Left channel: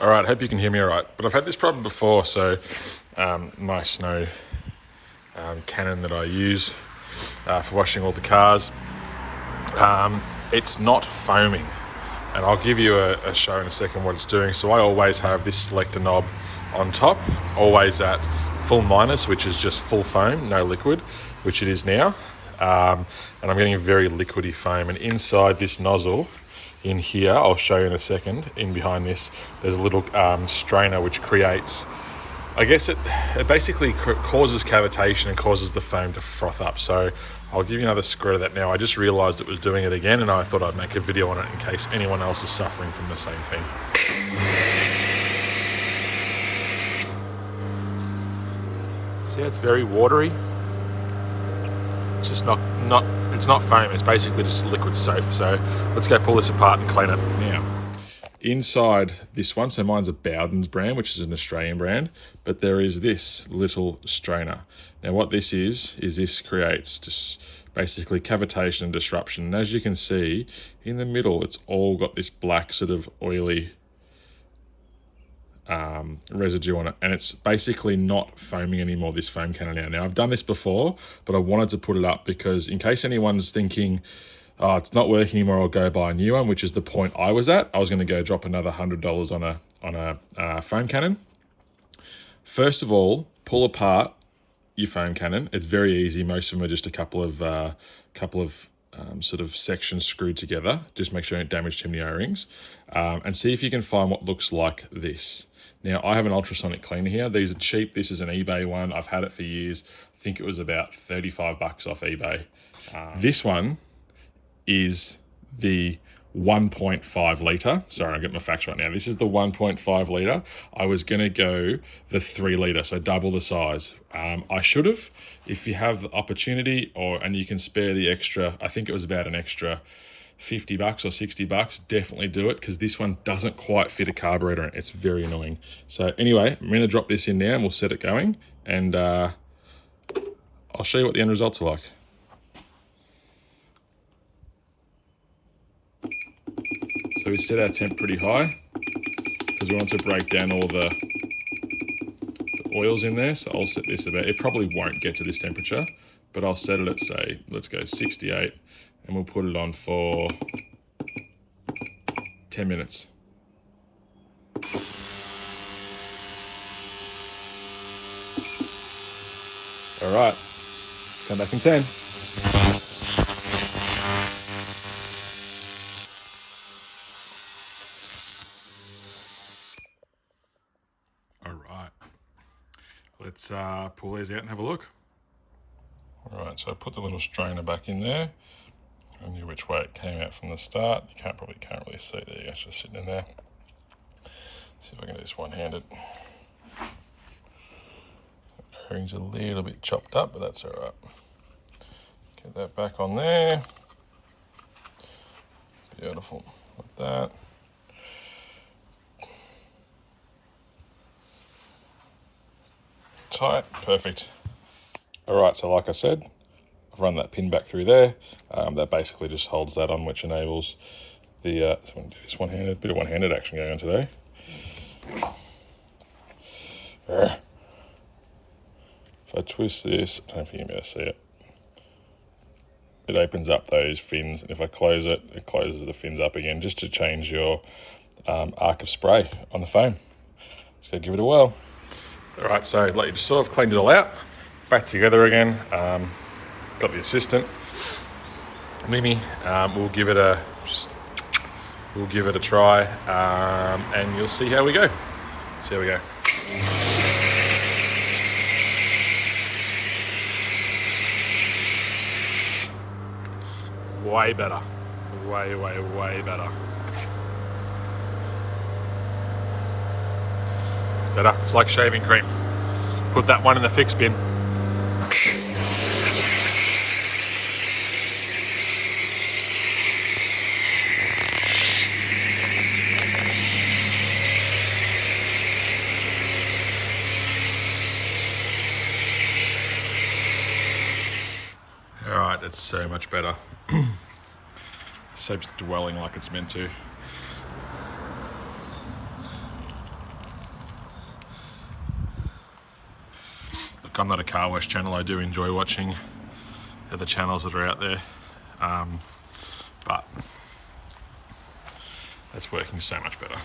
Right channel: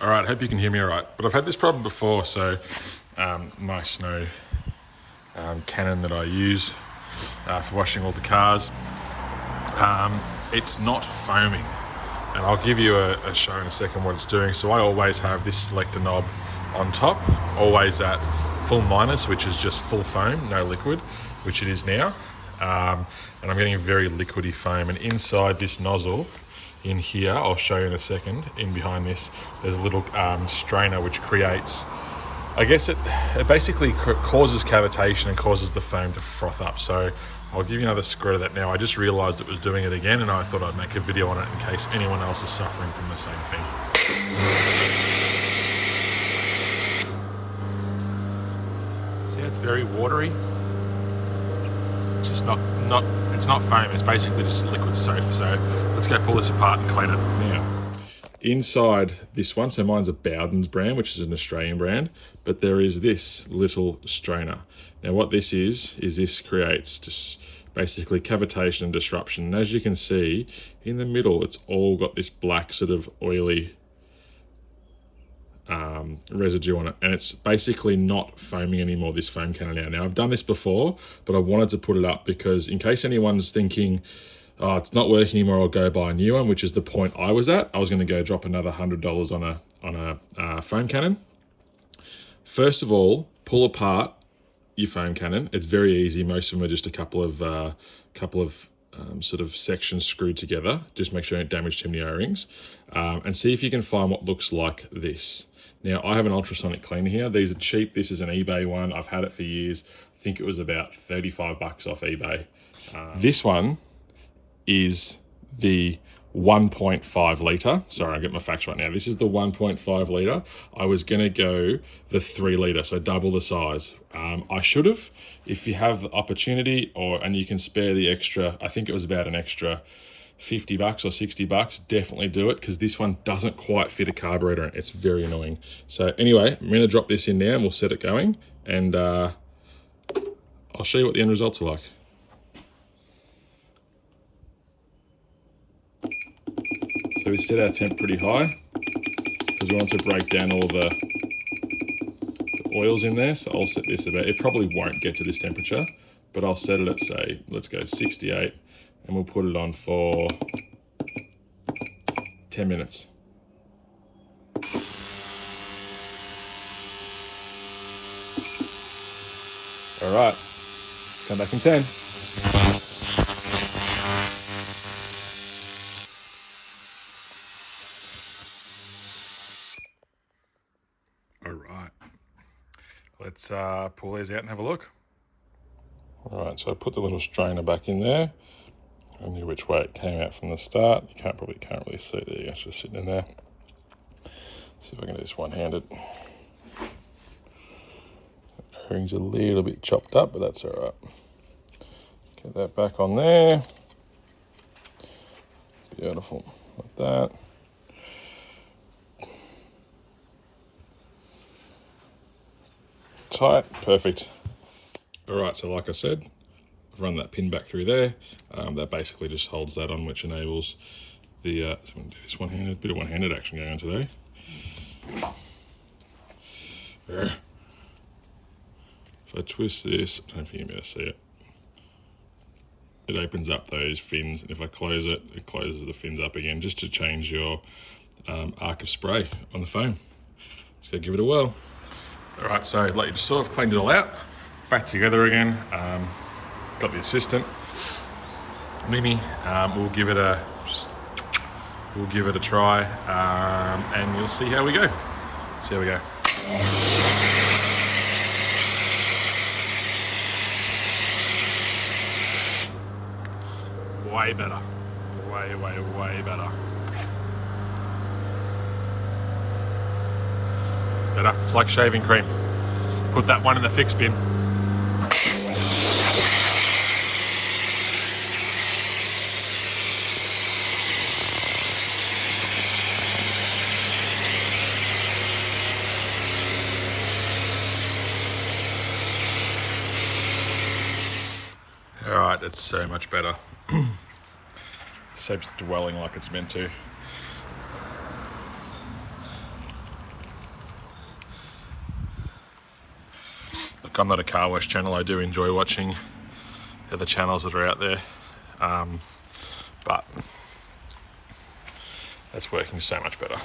All right, hope you can hear me all right. But I've had this problem before, so my snow cannon that I use for washing all the cars, it's not foaming. And I'll give you a show in a second what it's doing. So I always have this selector knob on top, always at full minus, which is just full foam, no liquid, which it is now. And I'm getting a very liquidy foam. And inside this nozzle, in here, I'll show you in a second, in behind this, there's a little strainer which creates, I guess it basically causes cavitation and causes the foam to froth up. So I'll give you another squirt of that now. I just realized it was doing it again, and I thought I'd make a video on it in case anyone else is suffering from the same thing. See, it's very watery. It's just it's not foam, it's basically just liquid soap. So let's go pull this apart and clean it now. Inside this one, so mine's a Bowden's brand, which is an Australian brand, but there is this little strainer. Now what this is this creates just basically cavitation and disruption. And as you can see, in the middle, it's all got this black sort of oily residue on it, and it's basically not foaming anymore, this foam cannon now. Now I've done this before, but I wanted to put it up because in case anyone's thinking, oh, it's not working anymore, I'll go buy a new one, which is the point I was at. I was going to go drop another $100 on a foam cannon. First of all, pull apart your foam cannon. It's very easy. Most of them are just a couple of sort of sections screwed together. Just make sure you don't damage too many O-rings, and see if you can find what looks like this. Now, I have an ultrasonic cleaner here. These are cheap. This is an eBay one. I've had it for years. I think it was about 35 bucks off eBay. This one is the 1.5 litre. Sorry, I get my facts right now. This is the 1.5 litre. I was going to go the 3 litre, so double the size. I should have, if you have the opportunity and you can spare the extra, I think it was about an extra 50 bucks or 60 bucks, definitely do it, because this one doesn't quite fit a carburetor and it's very annoying. So anyway, I'm going to drop this in now and we'll set it going, and I'll show you what the end results are like. So we set our temp pretty high because we want to break down all the oils in there. So I'll set this about, it probably won't get to this temperature, but I'll set it at, say, let's go 68, and we'll put it on for 10 minutes. All right, come back in 10. All right, let's pull these out and have a look. All right, so I put the little strainer back in there. I knew which way it came out from the start. You can't really see it there. It's just sitting in there. See if I can do this one-handed. The ring's a little bit chopped up, but that's all right. Get that back on there. Beautiful, like that. Tight, perfect. All right, so like I said, I've run that pin back through there. That basically just holds that on, which enables the, so I'm gonna do this one-handed, bit of one-handed action going on today. If I twist this, I don't know if you can see it. It opens up those fins, and if I close it, it closes the fins up again, just to change your arc of spray on the foam. Let's go give it a whirl. All right, so like you sort of cleaned it all out, back together again. Got the assistant, Mimi. We'll give it a try, and you'll see how we go. See how we go. Way better, way better. It's better. It's like shaving cream. Put that one in the fix bin. All right, that's so much better. Soap's dwelling like it's meant to. Look, I'm not a car wash channel. I do enjoy watching the other channels that are out there, but that's working so much better.